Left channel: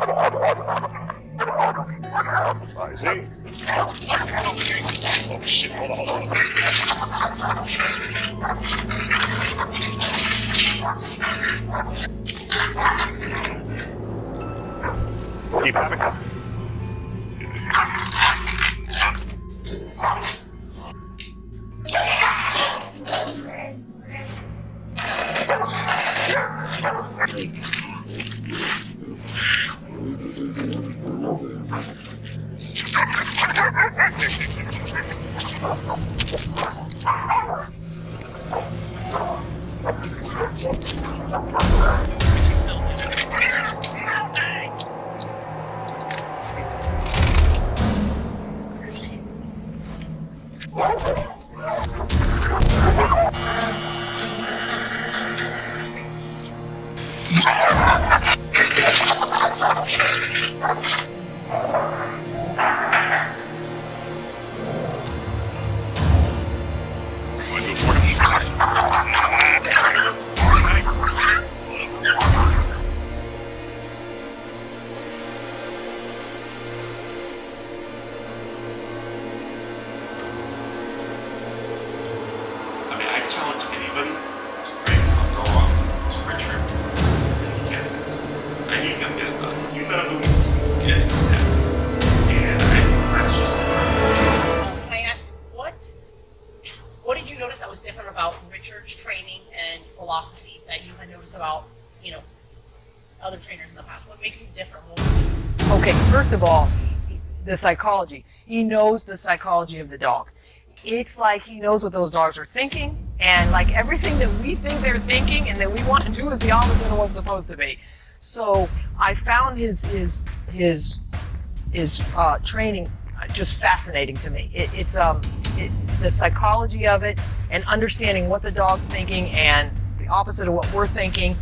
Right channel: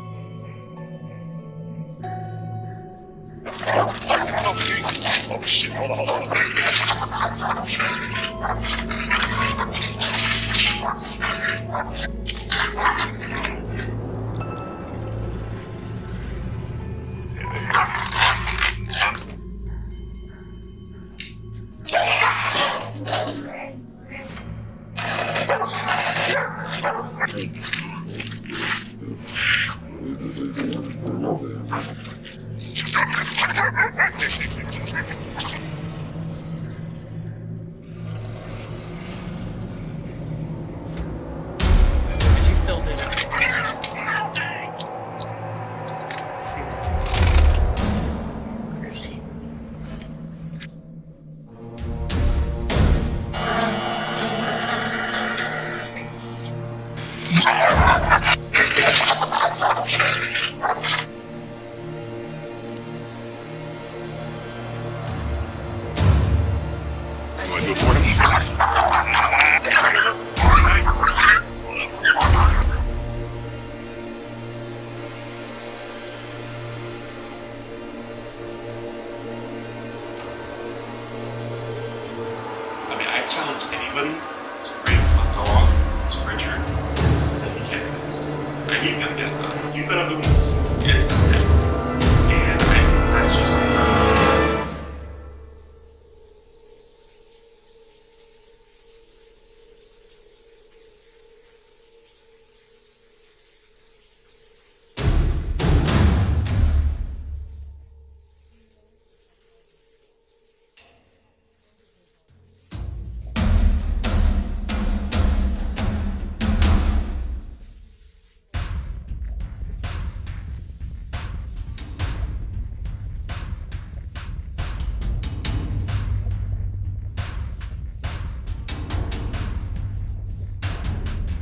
I see. Oh shit, hold on. Keep having it. But she's still doing it. It's good team. You want to do it for him? I mean, I challenge anybody to bring a dog to Richard that he can't fix. And he's gonna get it done. You let him do what he wants to do, it's gonna happen. And I think that's just incredible. Can I ask, what did you notice that was different about Richard's training and philosophy that you had noticed about, other trainers in the past? What makes it different? Okay, first of all, the psychology. He knows the psychology of the dog. It's like he knows what those dogs are thinking, and like everything that we think they're thinking and that we want to do is the opposite of what's supposed to be. So I found his training just fascinating to me. The psychology of it and understanding what the dog's thinking, and it's the opposite of what we're thinking.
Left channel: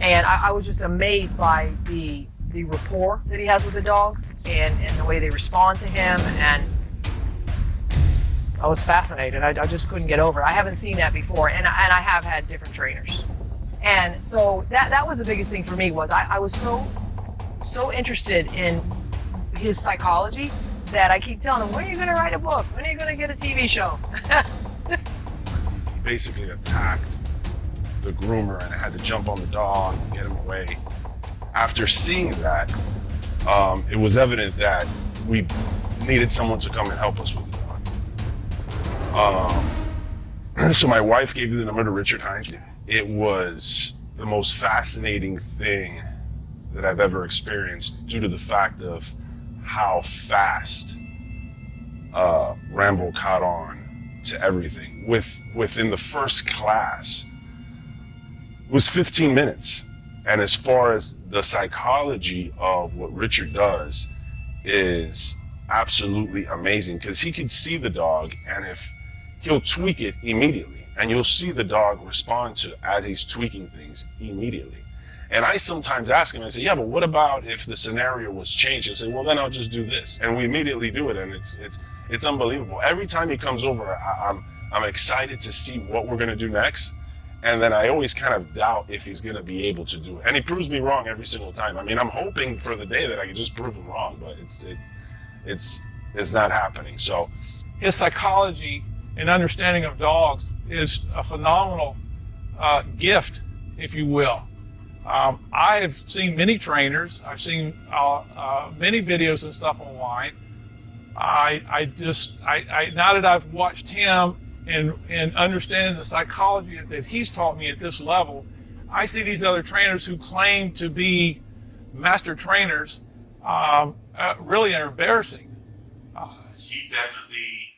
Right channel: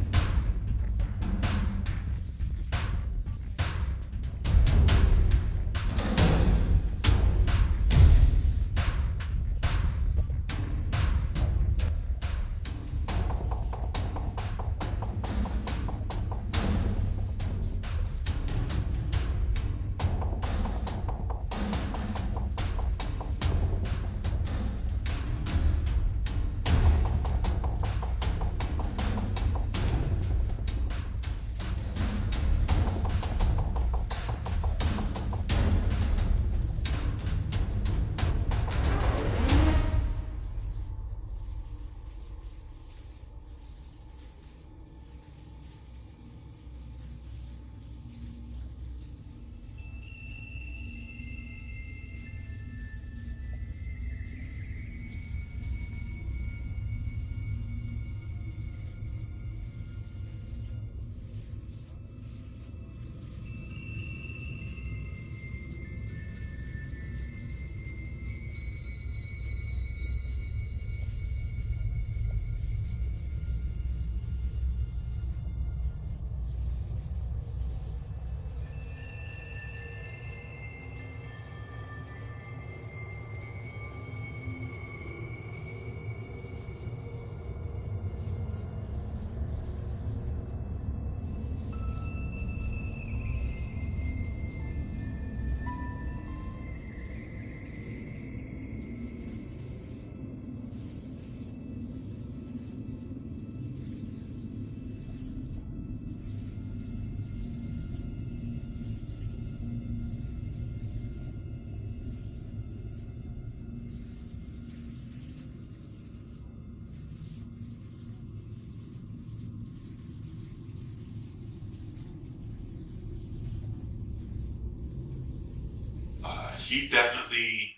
And I was just amazed by the rapport that he has with the dogs and the way they respond to him, and I was fascinated. I just couldn't get over it. I haven't seen that before, and I have had different trainers. And so that was the biggest thing for me. Was I was so interested in his psychology that I keep telling him, when are you going to write a book? When are you going to get a TV show? Basically attacked the groomer, and I had to jump on the dog and get him away. After seeing that, it was evident that we needed someone to come and help us with it. So my wife gave me the number to Richard Hines. It was the most fascinating thing that I've ever experienced, due to the fact of how fast Rambo caught on to everything. Within the first class, it was 15 minutes. And as far as the psychology of what Richard does is absolutely amazing, because he can see the dog, and if he'll tweak it immediately, and you'll see the dog respond to as he's tweaking things immediately. And I sometimes ask him, I say, yeah, but what about if the scenario was changed? He'll say, well, then I'll just do this. And we immediately do it, and it's unbelievable. Every time he comes over, I'm excited to see what we're gonna do next. And then I always kind of doubt if he's gonna be able to do it. And he proves me wrong every single time. I mean, I'm hoping for the day that I can just prove him wrong, but it's not happening. So his psychology and understanding of dogs is a phenomenal gift, if you will. I've seen many trainers. I've seen many videos and stuff online. Now that I've watched him and understanding the psychology that he's taught me at this level, I see these other trainers who claim to be master trainers really are embarrassing. He definitely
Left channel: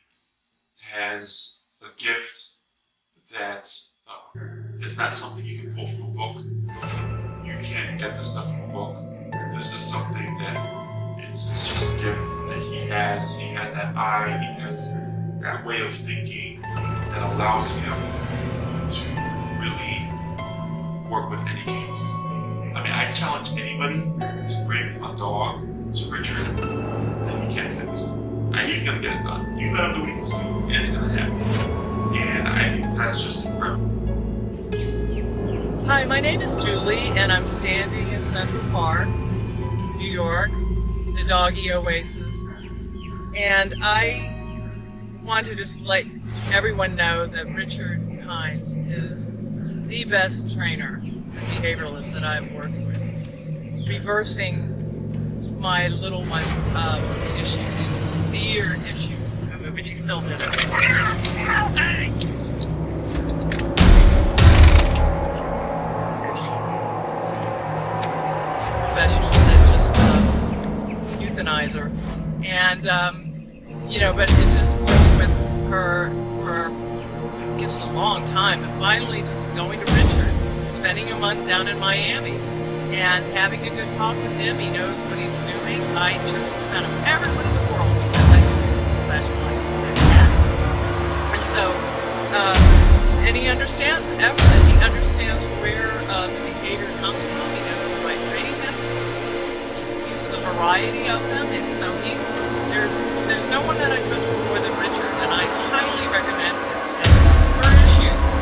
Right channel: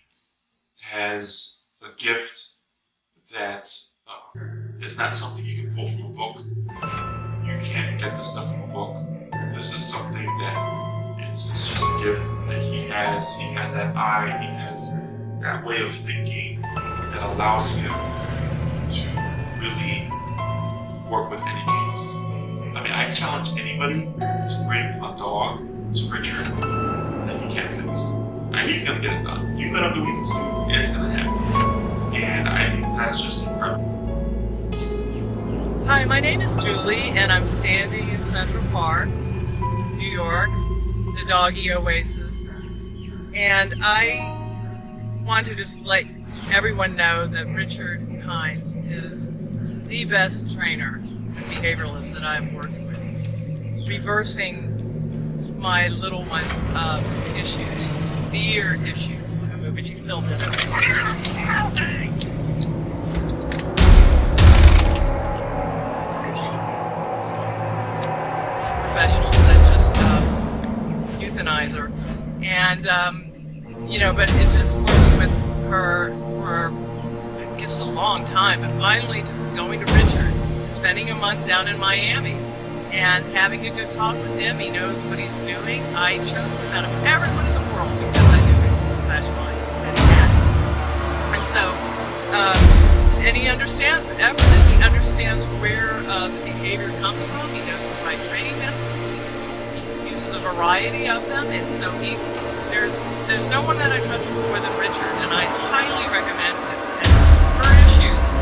has a gift that is not something you can pull from a book. You can't get this stuff from a book. This is something that it's just a gift that he has. He has that eye. He has that way of thinking that allows him to really work with any case. I mean, I challenge anybody to bring a dog to Richard that he can't fix. And he's gonna get it done. You let him do what he needs to do, and it's gonna happen. And I think that's just incredible. Hi, my name is Julie, and I'm standing in Central Park. New York, the doggy oasis. And I want to just let everyone know that Richard Hines is the best trainer and behavioralist that I've worked with, reversing my little one's issues, severe issues. But she still did it. Professionals that just euthanize her. And, but it just working with her for, I guess, a long time. And finally just going to Richard, spending a month down in Miami, and having a good talk with him. He knows what he's doing. I chose him out of everyone in the world because I knew he was a professional. And so, and he understands everything. He understands where behavior comes from. He knows the right training methods. He uses a variety of them, and so there's no one that I trust more than Richard, and I highly recommend him. And her issues,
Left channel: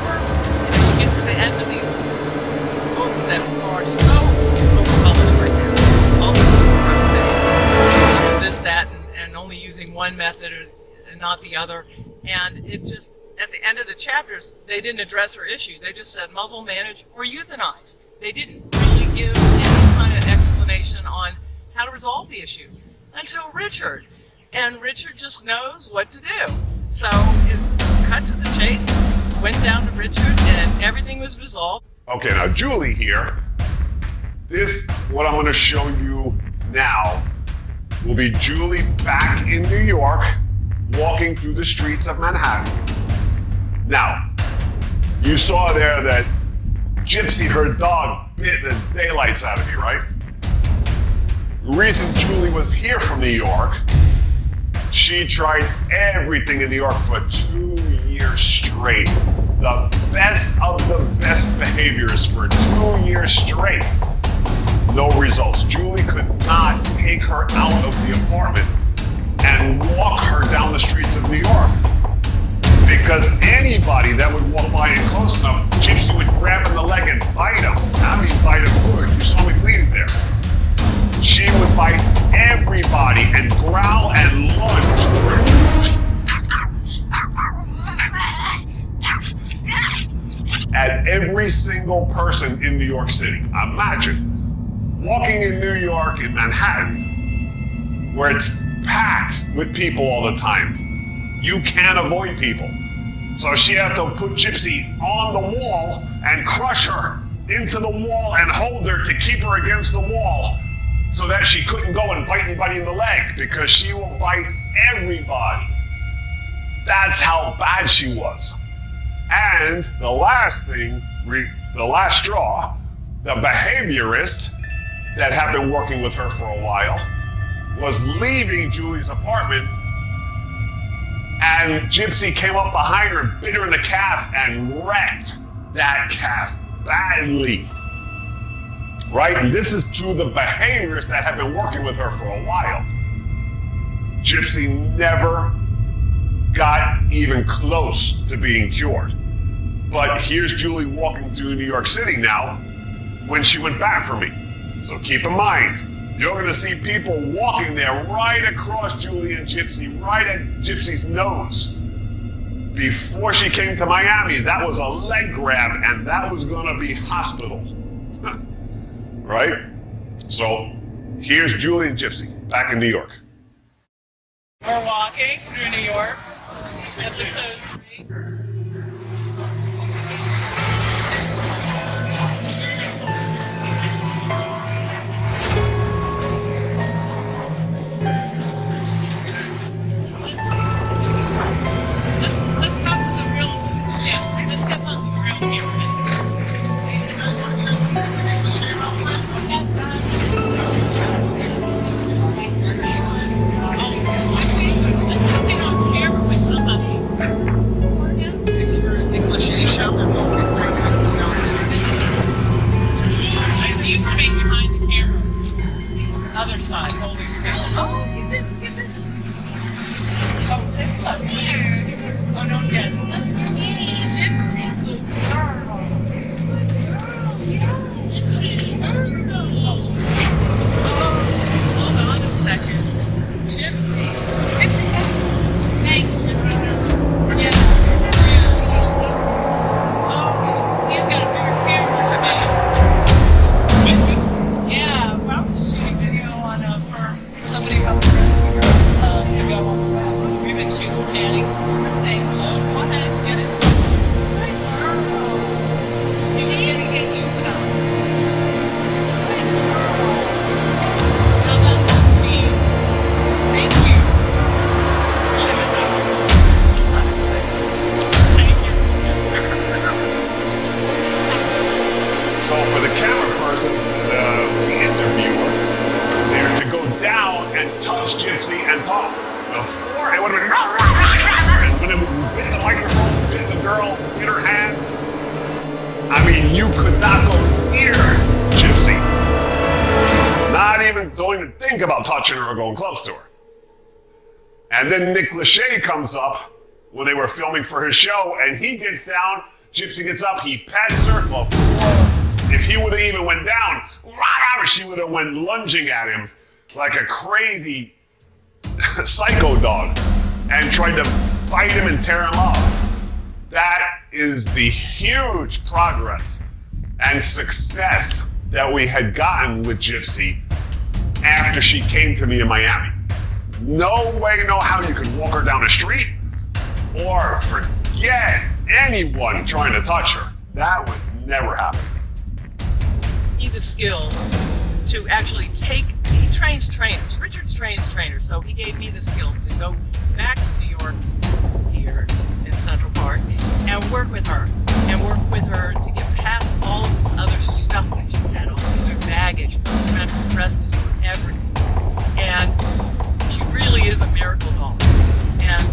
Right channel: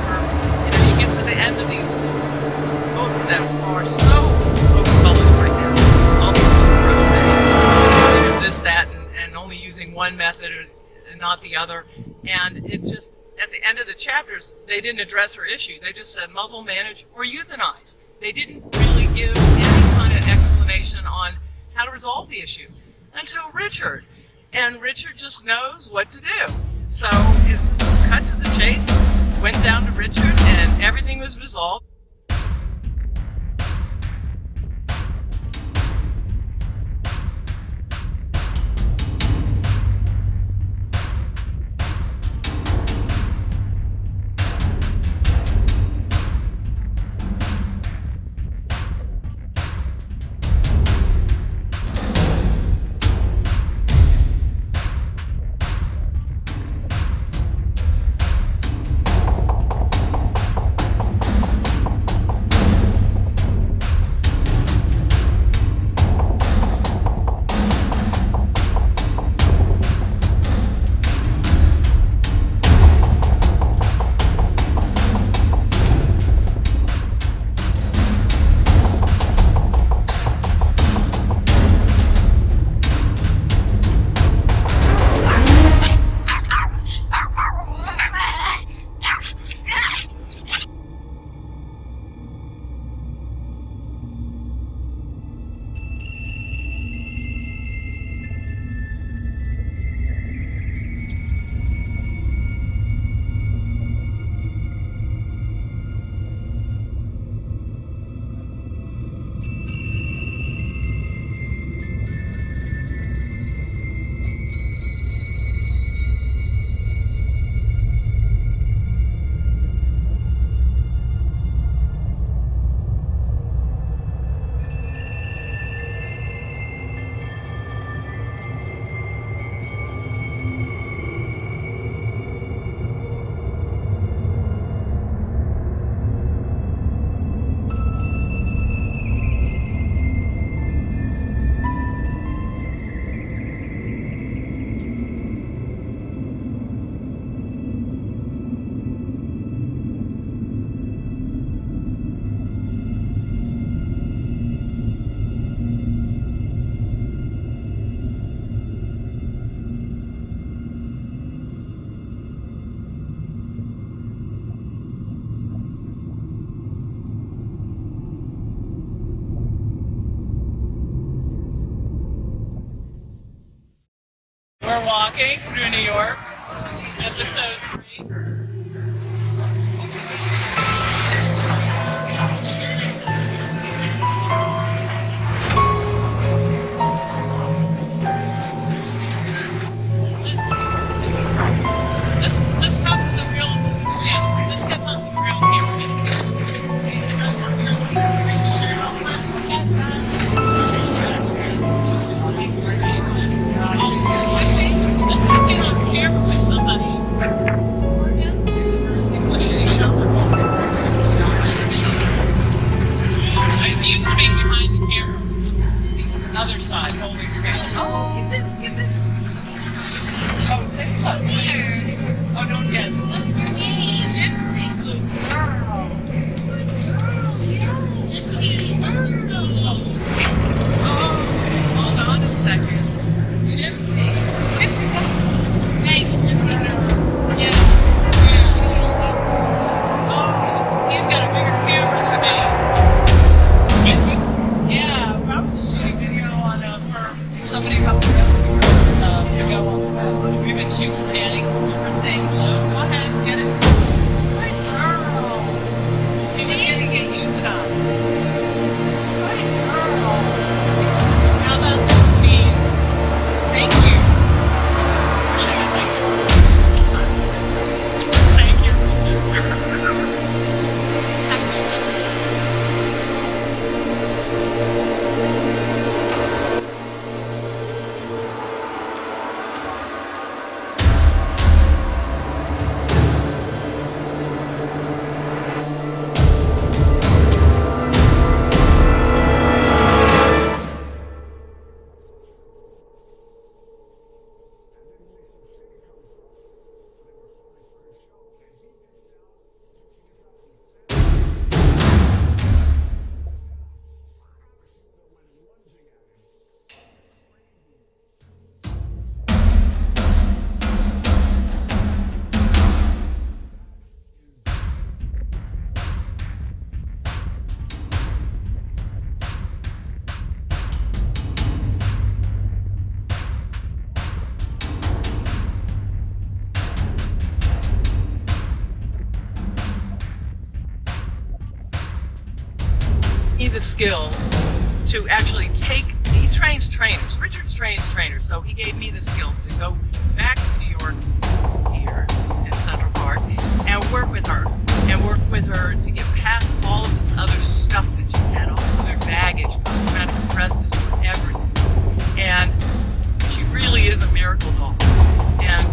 you get to the end of these books that are so overpublished right now, all these super gross, this, that, and only using one method and not the other. And it just, at the end of the chapters, they didn't address her issues. They just said muzzle, manage, or euthanize. They didn't really give any kind of explanation on how to resolve the issue until Richard. And Richard just knows what to do. So it just cut to the chase, went down to Richard, and everything was resolved. Okay, now Julie here, what I'm gonna show you now will be Julie back in New York, walking through the streets of Manhattan. Now, you saw there that Gypsy, her dog, bit the daylights out of me, right? The reason Julie was here from New York, she tried everything in New York for 2 years straight. The best of the best behaviors for 2 years straight. No results. Julie could not take her out of the apartment and walk her down the streets of New York. Because anybody that would walk by it close enough, Gypsy would grab him in the leg and bite him. I mean, bite him good. You saw me bleeding there. She would bite everybody and growl and lunge. At every single person in New York City. Imagine walking in New York, in Manhattan, where it's packed with people all the time. You can't avoid people. So she had to put Gypsy on the wall and crush her into the wall and hold her to keep her against the wall so that she couldn't go and bite anybody in the leg, because she will bite everybody. That's how bad she was. And the last thing, the last straw, the behaviorist that had been working with her for a while was leaving Julie's apartment, and Gypsy came up behind her, bit her in the calf, and wrecked that calf badly. Right? And this is to the behaviorists that have been working with her for a while. Gypsy never got even close to being cured. But here's Julie walking through New York City now when she went back for me. So keep in mind, you're gonna see people walking there right across Julie and Gypsy, right at Gypsy's nose. Before she came to Miami, that was a leg grab, and that was gonna be hospital. Right? So here's Julie and Gypsy back in New York. We're walking through New York, episode 3. Let's talk to the real, let's get on to the real here. Other side, holding the camera. Oh, get this. Oh, this side. Oh, no, yeah. That's your name. Gypsy. Good girl. Good girl. Yeah. Gypsy. That's your name. Oh. second. Gypsy. Gypsy got Meg and Gypsy Hill. Yeah. Oh, he's got a bigger camera than me. Gypsy? Yeah, well, I was just shooting video on for somebody helped us to go on the web. So we've been shooting panties. We're saying hello. Go ahead and get it. Good girl. She was going to get euthanized. Good girl. How about those beans? Thank you. Thank you. So for the camera person, the interviewer, they're to go down and touch Gypsy and talk. Before it would have been, and when it hit the microphone, hit the girl, hit her hands. I mean, you could not go near Gypsy. Not even going to think about touching her or going close to her. And then Nick Lachey comes up when they were filming for his show, and he gets down. Gypsy gets up, he pats her. Well, if he would have even went down, she would have went lunging at him like a crazy psycho dog and tried to bite him and tear him up. That is the huge progress and success that we had gotten with Gypsy after she came to me in Miami. No way, no how you could walk her down the street or forget anyone trying to touch her. That would never happen. Me the skills to actually he trains trainers. Richard trains trainers, so he gave me the skills to go back to New York here in Central Park and work with her to get past all of this other stuff that she had, all this other baggage, post-traumatic stress disorder, everything. And she really is a miracle doll. And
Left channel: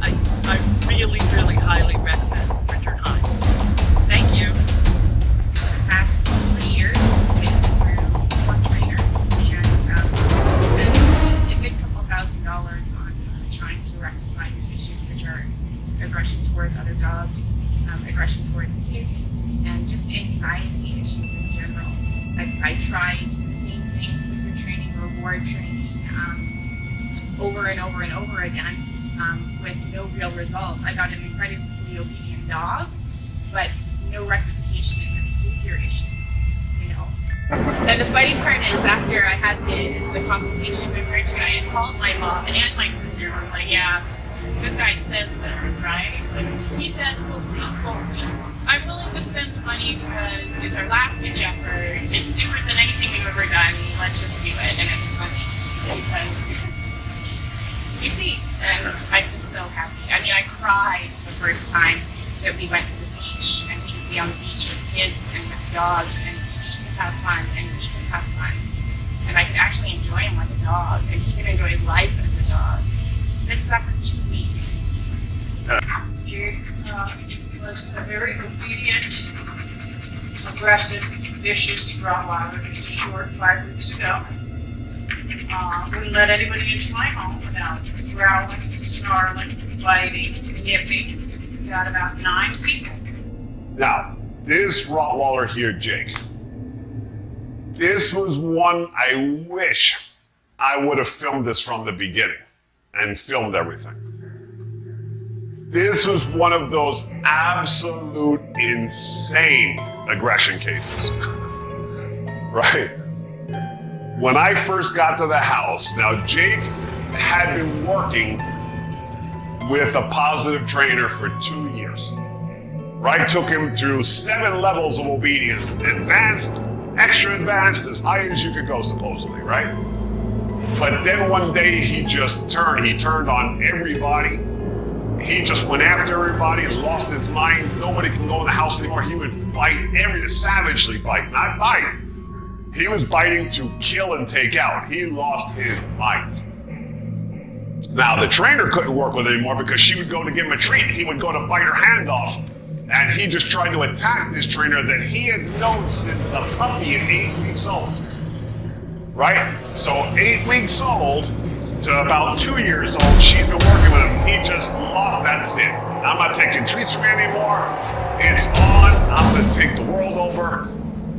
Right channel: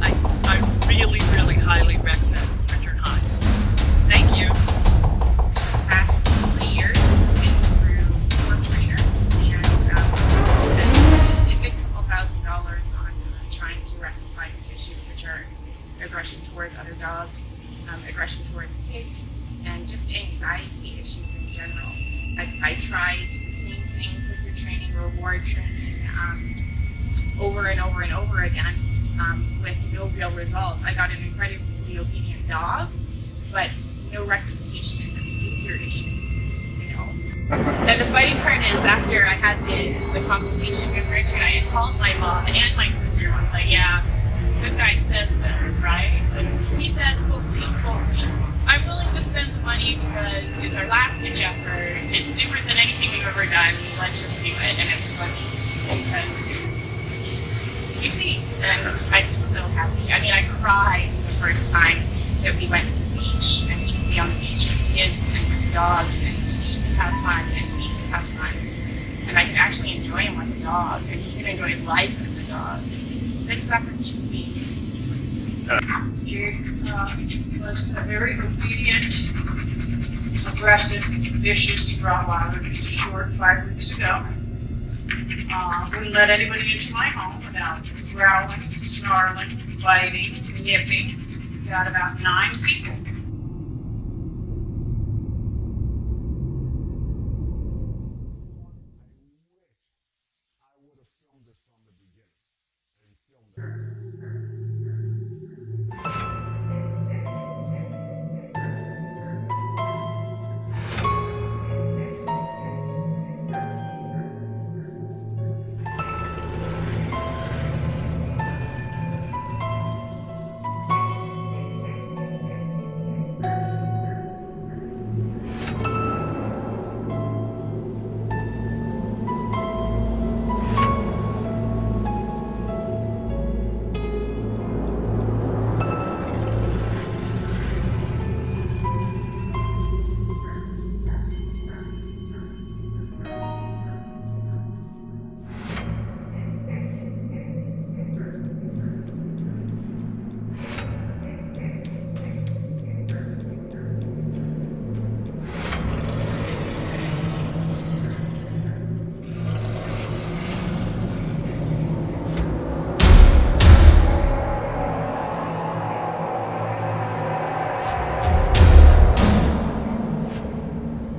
I really, really highly recommend Richard Hines. Thank you. The past 3 years, we've been through 4 trainers and spent a good couple $1,000s on trying to rectify his issues, which are aggression towards other dogs, aggression towards kids, and just anxiety issues in general. I tried the same thing with your training, reward training, over and over and over again with no real result. I got an incredibly obedient dog, but no rectification in the behavior issues, you know. And the funny part is, after I had the consultation with Richard, I had called my mom and my sister. I was like, yeah, this guy says this, right? He says, we'll see. I'm willing to spend the money because it's our last ditch effort. It's different than anything we've ever done. Let's just do it. And it's funny because you see, and I'm just so happy. I mean, I cried the first time that we went to the beach, and we could be on the beach with kids and with dogs, and he could have fun, and we could have fun. And I could actually enjoy him like a dog, and he could enjoy his life as a dog. This is after 2 weeks. Jake was a very obedient, aggressive, vicious Rottweiler just a short 5 weeks ago. Wouldn't let anybody into my home without growling, snarling, biting, nipping. Got about 9 people. Now, this Rottweiler here, Jake, this was one I wish I would have filmed this from the beginning and filmed everything. This was one of those absolute insane aggression cases, right? When I first got to the house, now Jake had been working with a positive trainer for 2 years, right? Took him through 7 levels of obedience, advanced, extra advanced, as high as you could go supposedly, right? But then one day he turned on everybody. He just went after everybody, lost his mind. Nobody could go in the house anymore. He would bite, savagely bite, not bite. He was biting to kill and take out. He lost his mind. Now, the trainer couldn't work with it anymore because she would go to give him a treat. He would go to bite her hand off. And he just tried to attack this trainer that he has known since a puppy at 8 weeks old. Right? So 8 weeks old to about 2 years old, she's been working with him. He just lost, that's it. I'm not taking treats from you anymore. It's on, I'm gonna take the world over.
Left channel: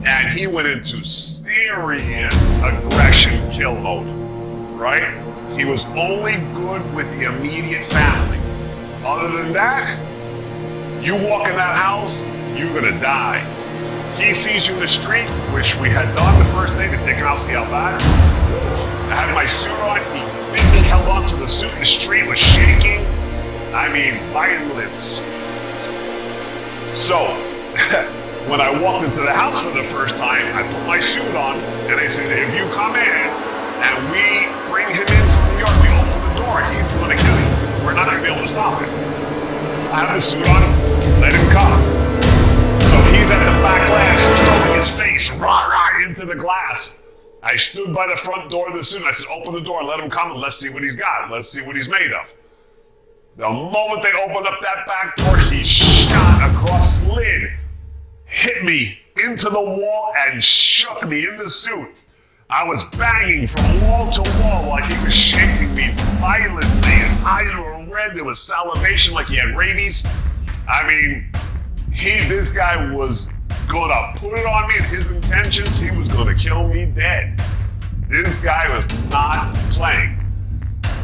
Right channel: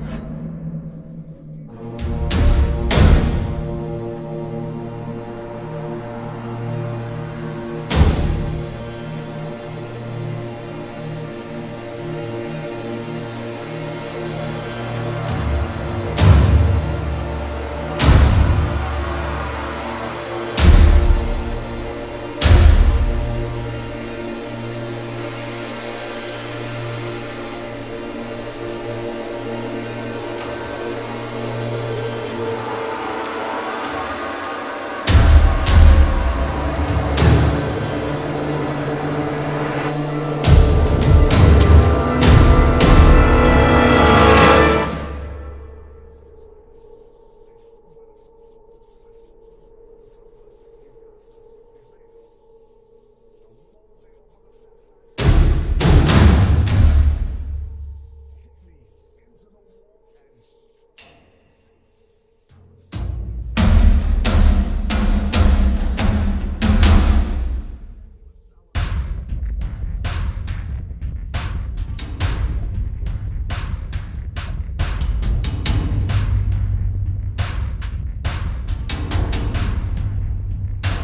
And he went into serious aggression kill mode. right? He was only good with the immediate family. Other than that, you walk in that house, you're gonna die. He sees you in the street, which we had done the first day to take him out, see how bad. I had my suit on, he held on to the suit, the street was shaking. I mean, violence. So, when I walked into the house for the first time, I put my suit on, and I said, if you come in and we bring him in from New York, we open the door, he's gonna kill you. We're not gonna be able to stop him. I have the suit on, let him come. So he's at the back glass, his face, rah, rah, into the glass. I stood by the front door of the suit, and I said, open the door, let him come, and let's see what he's got. Let's see what he's made of. The moment they opened up that back door, he shot across, slid, hit me into the wall, and shook me in the suit. I was banging from wall to wall while he was shaking me violently. His eyes were red, there was salivation like he had rabies. I mean, this guy was gonna put it on me, and his intentions, he was gonna kill me dead. This guy was not playing.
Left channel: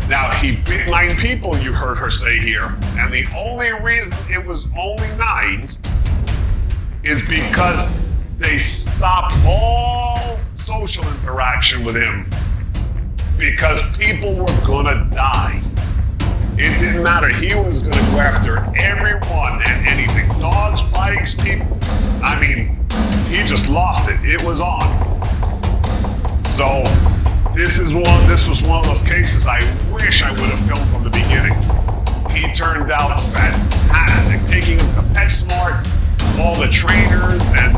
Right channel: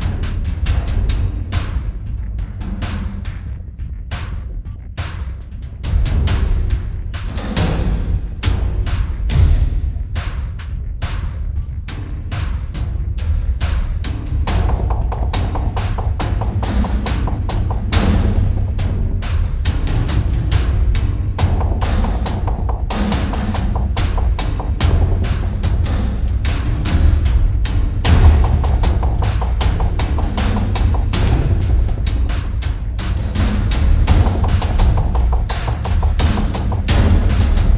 Now, he beat 9 people, you heard her say here, and the only reason it was only 9 is because they stopped all social interaction with him because people were gonna die. It didn't matter. He was gonna go after everyone and anything. Dogs, bikes, people. I mean, he just lost it. It was on. So this was one of those cases I wish I would have filmed from the beginning. He turned out fantastic. Taking the PetSmart, all the trainers and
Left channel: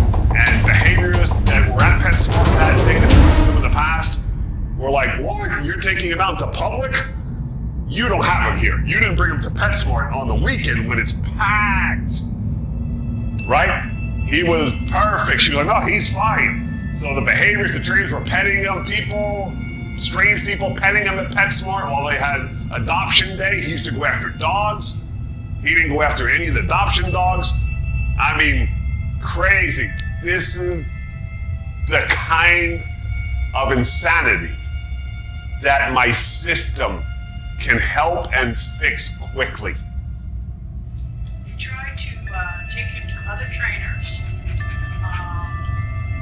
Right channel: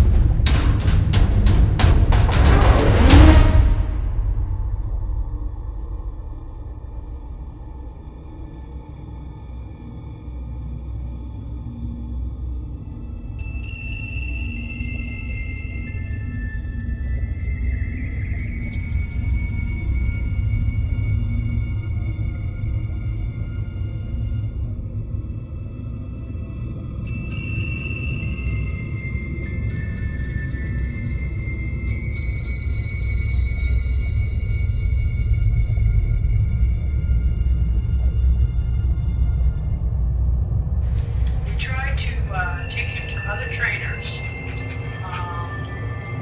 behaviorists that were at PetSmart that day in the past were like, what? You're taking him out to public? You don't have him here. You didn't bring him to PetSmart on the weekend when it's packed. Right? He was perfect. She was like, no, he's fine. So the behaviors, the trainers were petting him, people, strange people petting him at PetSmart while they had adoption day. He used to go after dogs. He didn't go after any of the adoption dogs. I mean, crazy. This is the kind of insanity that my system can help and fix quickly. We tried to take him to other trainers,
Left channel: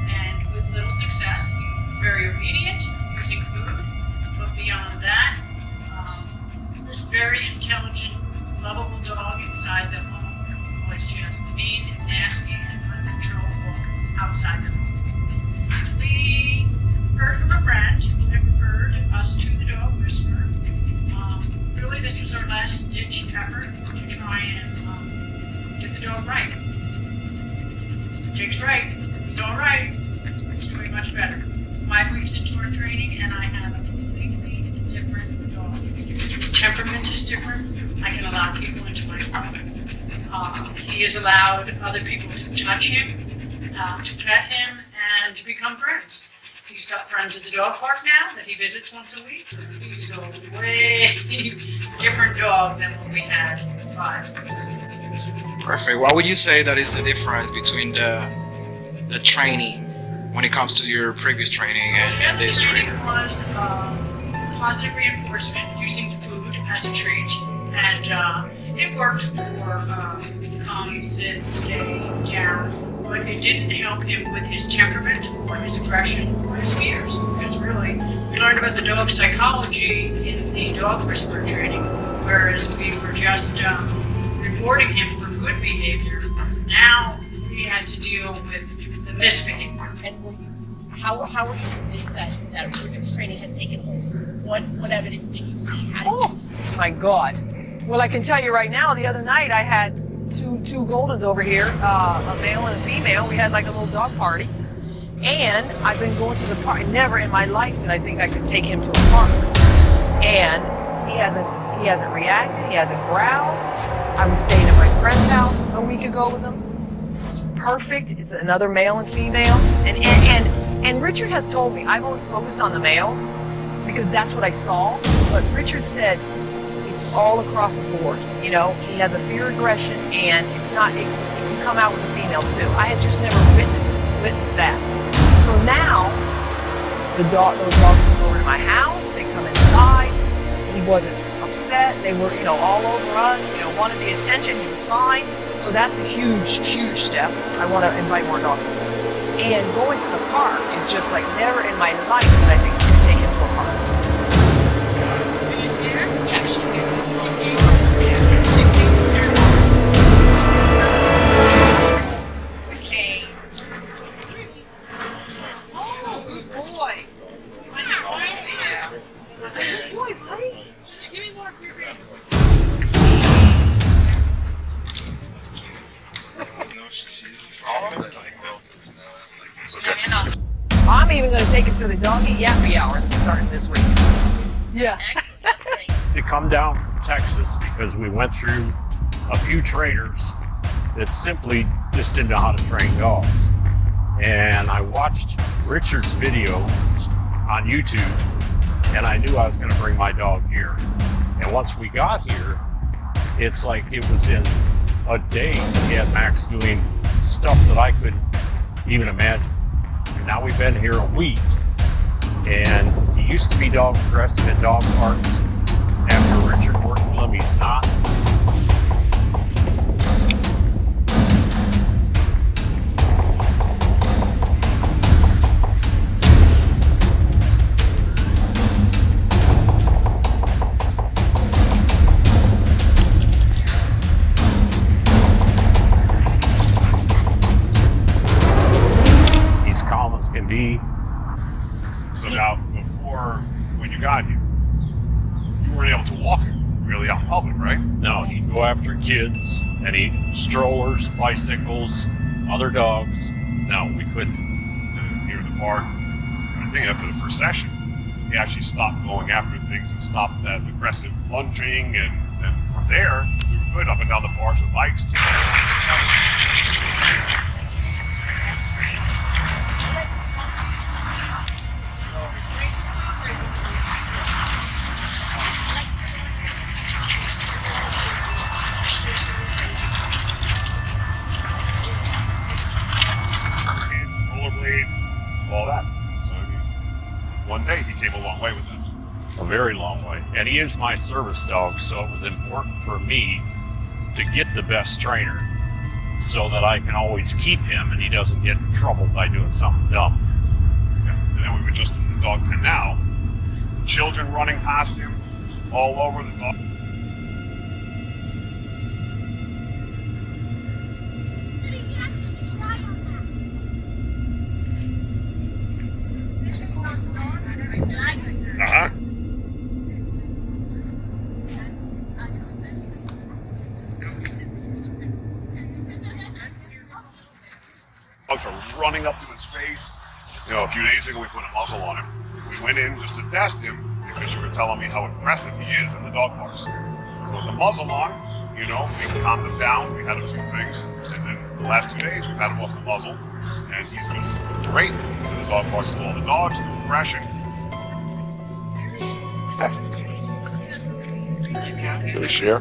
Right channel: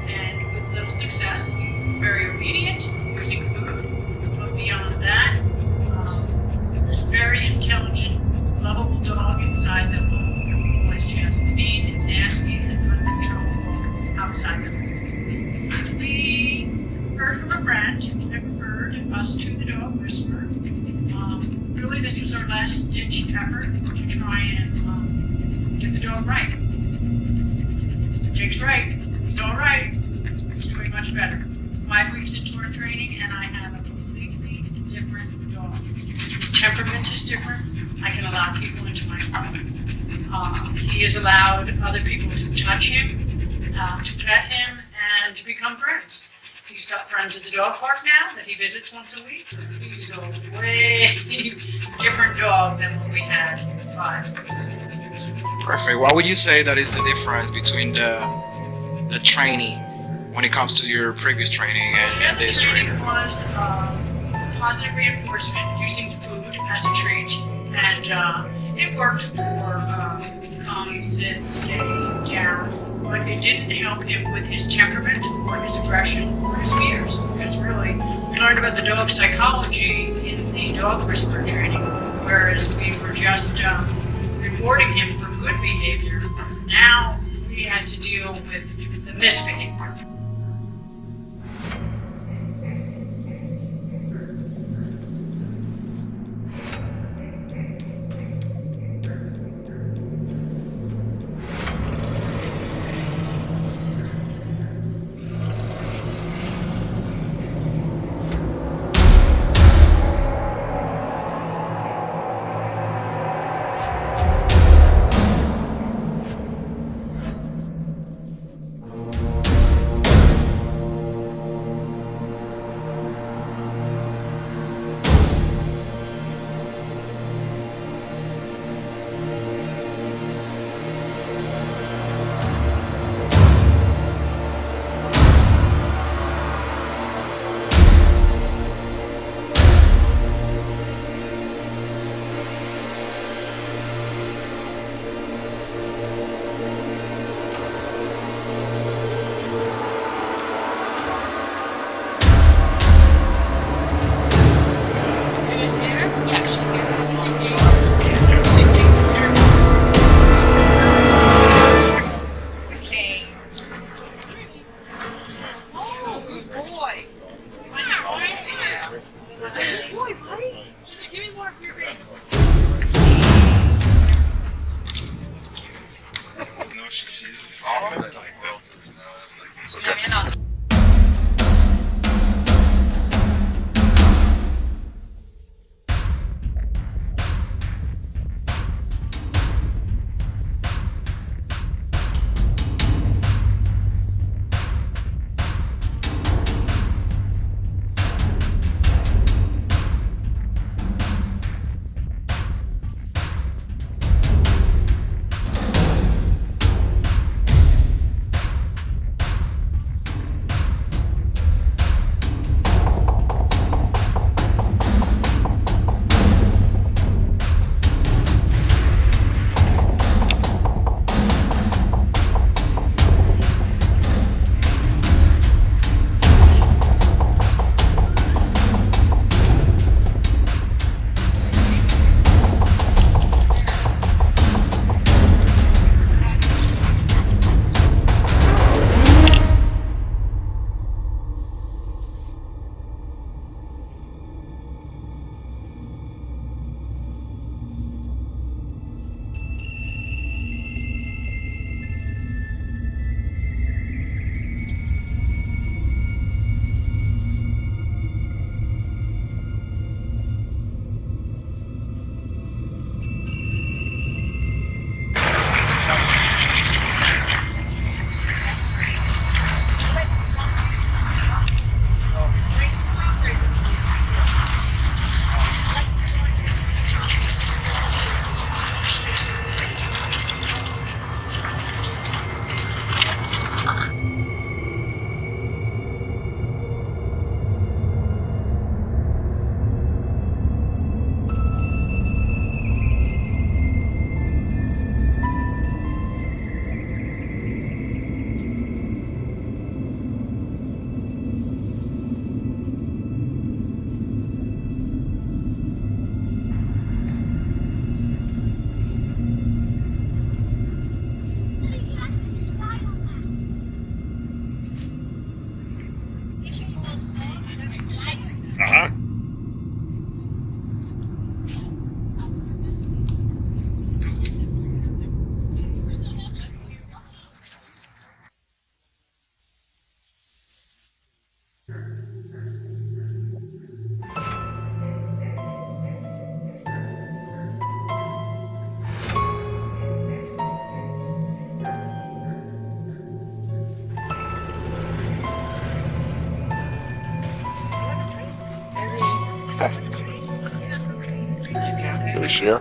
and with little success. He was very obedient, using food, but beyond that, this very intelligent, lovable dog inside the home was just mean and nasty and uncontrollable outside the home. We heard from a friend that referred us to the dog whisperer. Really, this was our last-ditch effort to try and get the dog right. Jake's right. He's all right. He's doing much better. 5 weeks into our training, and I have a completely different dog. His temperament is different. I can allow people into my home. He has allowed other people to touch him, to pet him, and to become friends. He's got friends at the dog park now that he visits once a week. He's a way different dog than what we had 5 weeks ago. Perfect. What would you say that is the difference between the training when it comes to your previous training and this training? The training was positive reinforcement using food as a treat, and it worked for come, sit, stay, down. But it didn't help him with his temperament or his aggression or his fears. Because really, we learned about the dog psychology in the dog whisperer training, whereas we were just rewarding him for good behavior. Now we had to deal with the misbehavior. And how are you convinced that Richard's training has taken hold? What evidence did you see? Oh my God. Well, I can tell you right now, the other night I had two Goldens over here, a male and a female. We had like a little dog party. And I've been going to the park. Never in my life did I think I could take him to the park. And he hasn't reacted, he hasn't growled. I was staying at my friend's house a week ago with him. Perfect. It's another male and female. And Richard has told me, I've always focused on the males because that's what I saw. But Richard said, it's all across the board. You know, he has a fear aggression, and it can come out with the females too. I had just never witnessed that. So now, those dogs come over to my house, they come inside. He wasn't upset. They were, all over us, wanted the attention. He was fine. So that's a huge, huge step. I want to invite more dogs. And going to the park is just like never in my life did I think to take him to a park. You guys see her? Yeah, she gets. Okay. Oh, good boy. Boy, please. Give me more of your face. I'm even going to take him to the doggy yappy hour that started this week. Yeah. To come down from Texas because we went through a few trainers that simply just didn't know how to train dogs. And I watched Richard's videos on YouTube, and I knew I was going to bring my dog here. And once we got here, it's like it was in a day we had Max doing stuff that I couldn't even imagine. And now we've been here a week, and he used to be dog aggressive in dog parks. After Richard worked with him, he's not. He's calm as can be. So now, before, when you got here, you weren't able to walk really out in public, right? No, he'd go after kids, any strollers, bicycles, other dogs. No, we couldn't. Here in the park. I think after the first session, he actually stopped going after things and stopped that aggressive lunging, and from there, you could up and down the bars with bikes. All that. So one day he came a long way with it. A very long way. And he is my service dog, so it was important for me to get the best trainer so that I can always keep him and he doesn't get in trouble by doing something dumb. And then we were just in the dog canal, children running past him all over the dog. Uh-huh. Dogs are running up to his face. A few days ago we put a muzzle on him. We went in just to test him because you were telling me how aggressive he is in the dog parks. So with the muzzle on, we calmed him down. We had a few things, and then the last 2 days we've had him off the muzzle, and he's been great. The dog parks with all the dogs, the refreshing. Can we share?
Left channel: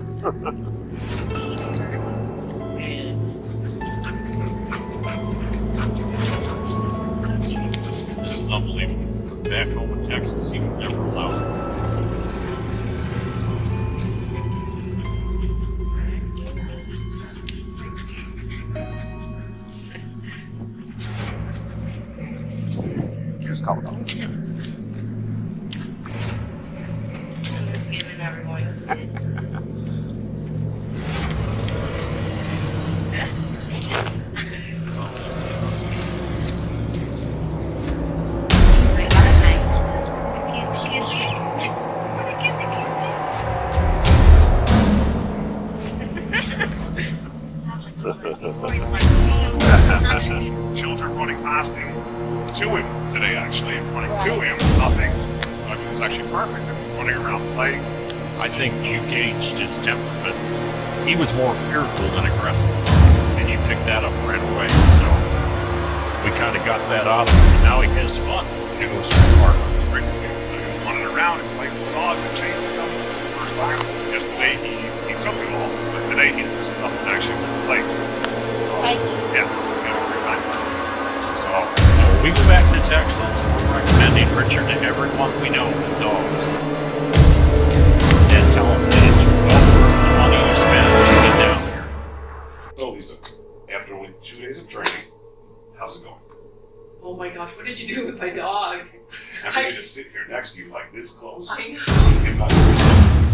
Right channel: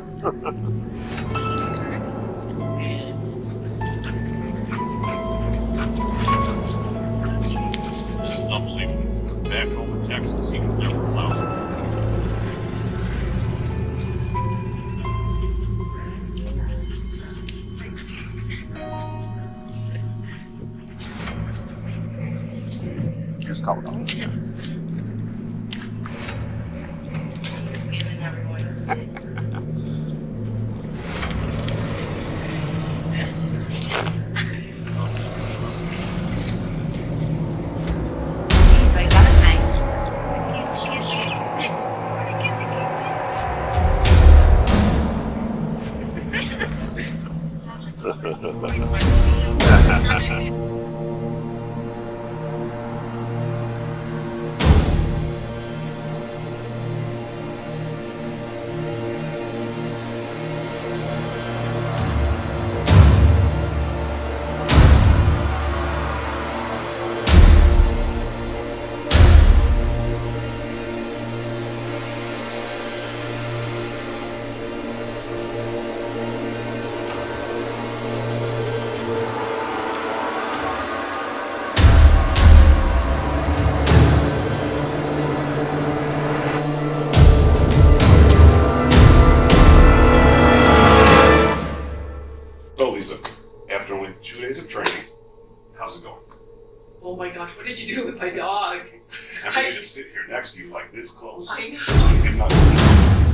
This is unbelievable. Back home in Texas, he would never allow it. Here's coming up. Children running past him, to him today actually, running to him, nothing. So I mean, it's actually perfect. He's running around playing. I think you gauged his temperament. He was more fearful than aggressive, and you picked that up right away. So we kind of got that off. Now he has fun. He goes to the park. It's great to see him. He was running around and playing with dogs and chasing them. The first time, yesterday he took it all, but today he was up and actually playing. Yeah, he has a great time. So we go back to Texas, recommending Richard to everyone we know with dogs. gosh, what did you do with my dog? I'm gonna just sit here next to you like this close. I know. Him not even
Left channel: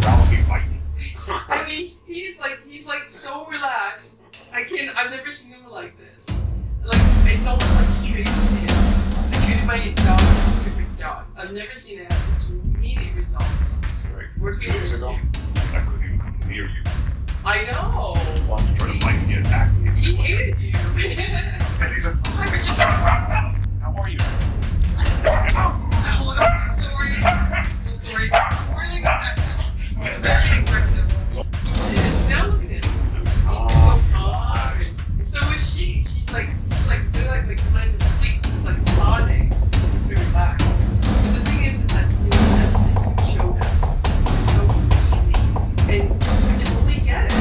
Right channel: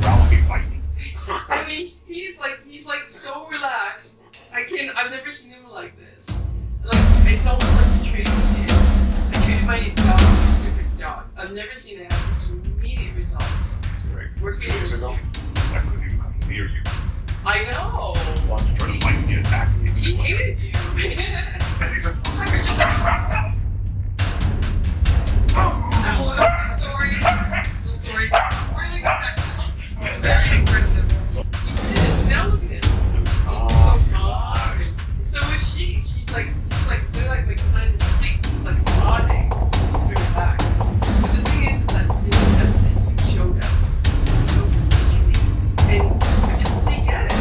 growling me, bite me. I mean, he's like so relaxed. I've never seen him like this. Like, it's almost like you treated him. I treated my dog like 2 different dogs. I've never seen it have such immediate results. That's right. We're 2 years ago, I couldn't even come near you. I know. Wanted to try to bite me, attack me. He hated you. And he's a Hi, Richard. how are you? Hold on. I'm sorry. So sorry. It's really aggressive. It's very aggressive. Now look at him. He's so calm. So is she. She's like they're like behind the seat. It's like smiling. It's very relaxed. But the thing is that the lesson that you showed us is so easy, and I totally get it.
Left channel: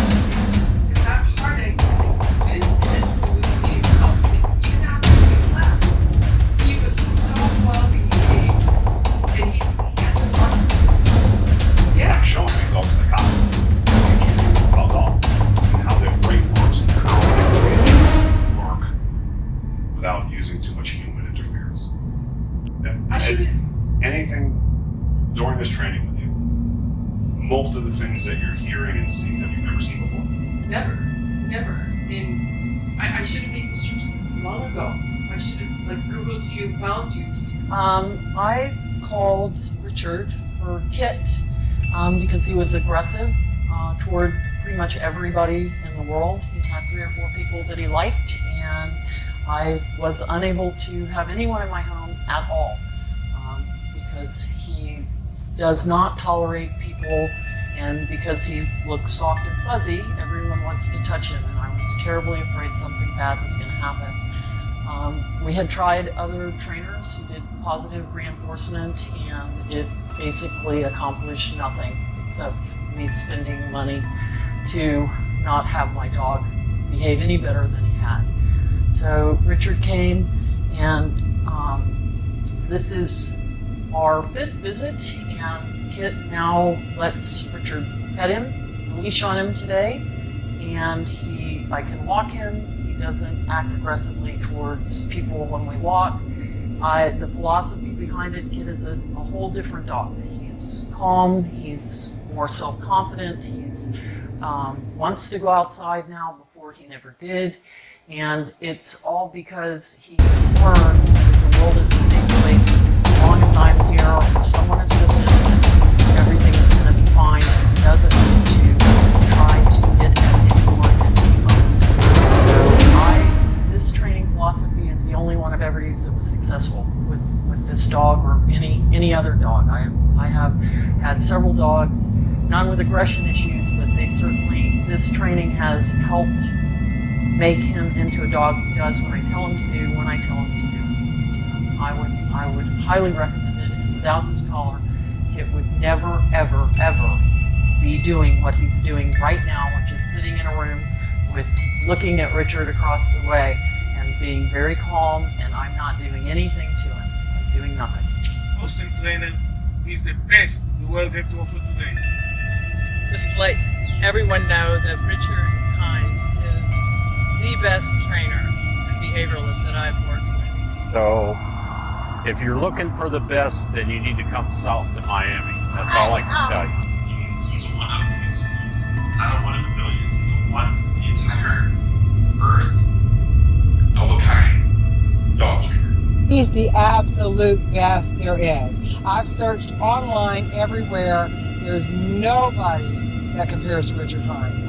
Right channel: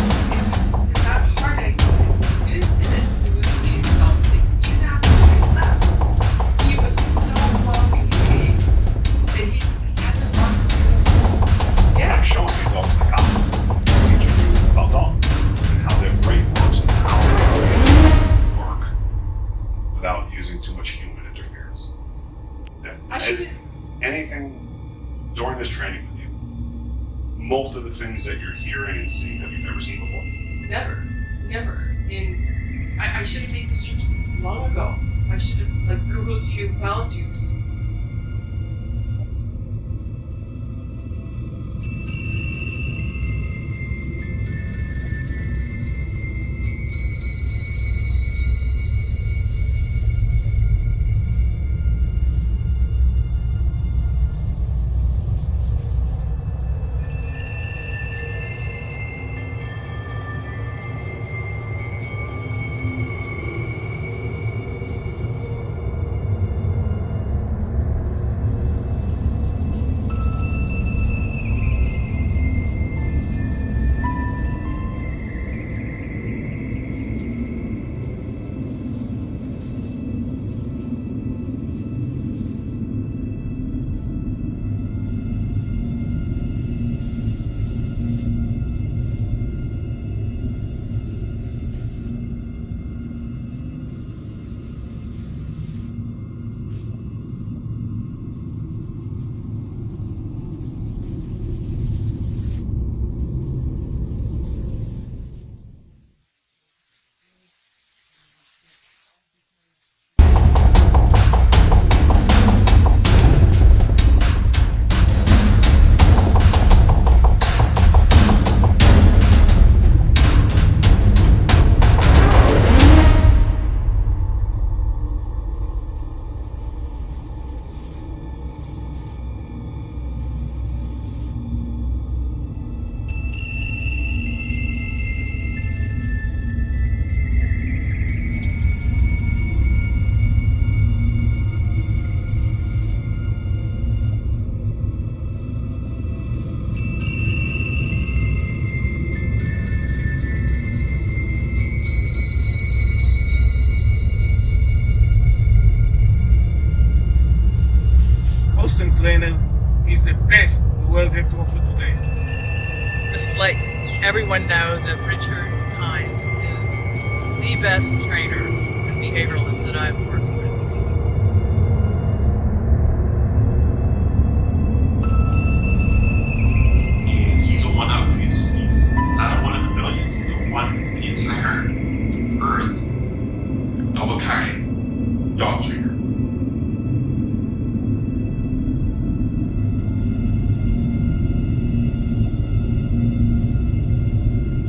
It's not hard. I think good minutes to the results. Even after we left, he was so well behaved, and he hasn't run through. Yeah. I'm showing you dogs like I teach you about dogs and how their brain works and how they can work without using too much human interference. I should. Anything during this training with you, most of the things that you're hearing and seeing that you've never seen before. Never. And I should have made this choice long ago. I should have Googled you, found you. I called Richard for Kit because he was aggressive toward pretty much everybody in the world. He had 3 or 4 people that he liked, and I was unable to have anyone in my home at all because he does not tolerate people, and because he looks soft and fuzzy, everyone wants to touch him. I was terribly afraid something bad was going to happen. We had tried other trainers who did positive reinforcement, and it basically accomplished nothing except me spending money to not have my dog behave any better than he had. So Richard came, and this is our 5th visit, and Kit now lets Richard pet him, leash on him today, and I can walk him. He doesn't act aggressively towards people when we walk. The philosophy behind it, Kit is a whole different dog. He's calm, he's more self-confident, he's wants to go outside now before he never did, and it's all because he has learned the world is a safe place. As long as I'm here or someone is with him, everything is going to be fine, and he doesn't need to try to get anyone so this training philosophy is the only one I've ever used that was successful with this dog or any other dog. I have had several dogs, none with aggression issues, but this training has helped make him into a dog who does what I tell him to do when I tell him to do it. So I would highly recommend it. And without this collar, Kit would never, ever, ever be doing what he's doing right now, which is sitting in a room with looking at Richard across the way and being very calm, and I'm not doing anything to him, doing nothing. Awesome trainer is the best the world has to offer today. Just let everyone know that Richard Hines is the best trainer and behavioralist that I've worked with. So, if you're looking for the best, then you need to come south to Miami. That's all I can tell you. And he's a one of. He's not a 1 in a million. He's a 1 in the entire earth of a kind dog trainer. He's the absolute best there is. I've searched online everywhere. There's nobody that compares to Richard Hines.